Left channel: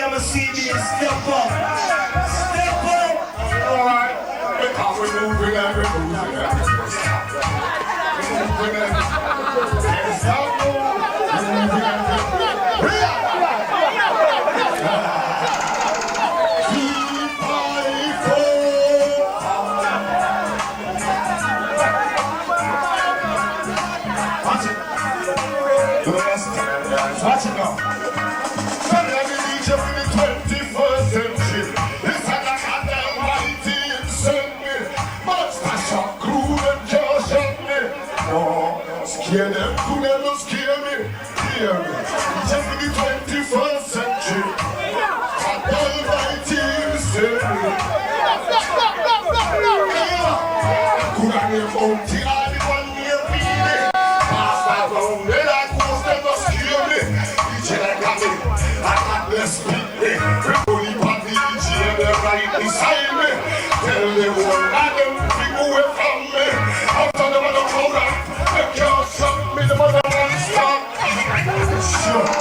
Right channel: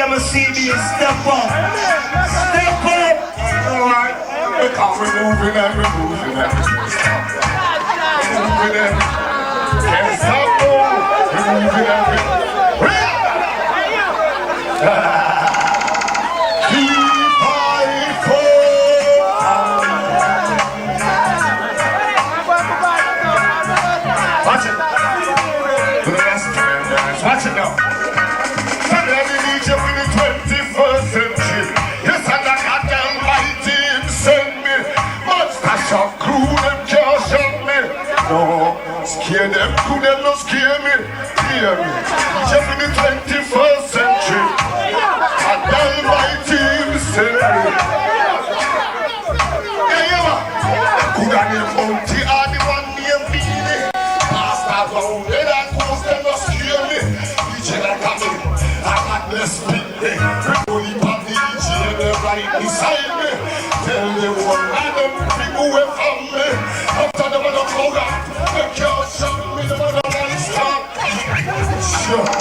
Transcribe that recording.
Ragamuffin CB, step up. Step up. Alright. Because we're moving and we're moving and moving and can't stop, no. We're moving and we're keep on watch it. Watch it now. Scare them, could them not scare me? Hear me. Just in the 21st century, and almighty save me. Hey, yo, could I name Bounty or the one near me? Master down there, that ghost them not scare me. DJ like a me, I got less speak me. Only on the DJ, they're right beside me. Tell them one of them big away from me. After them on the program. Sure.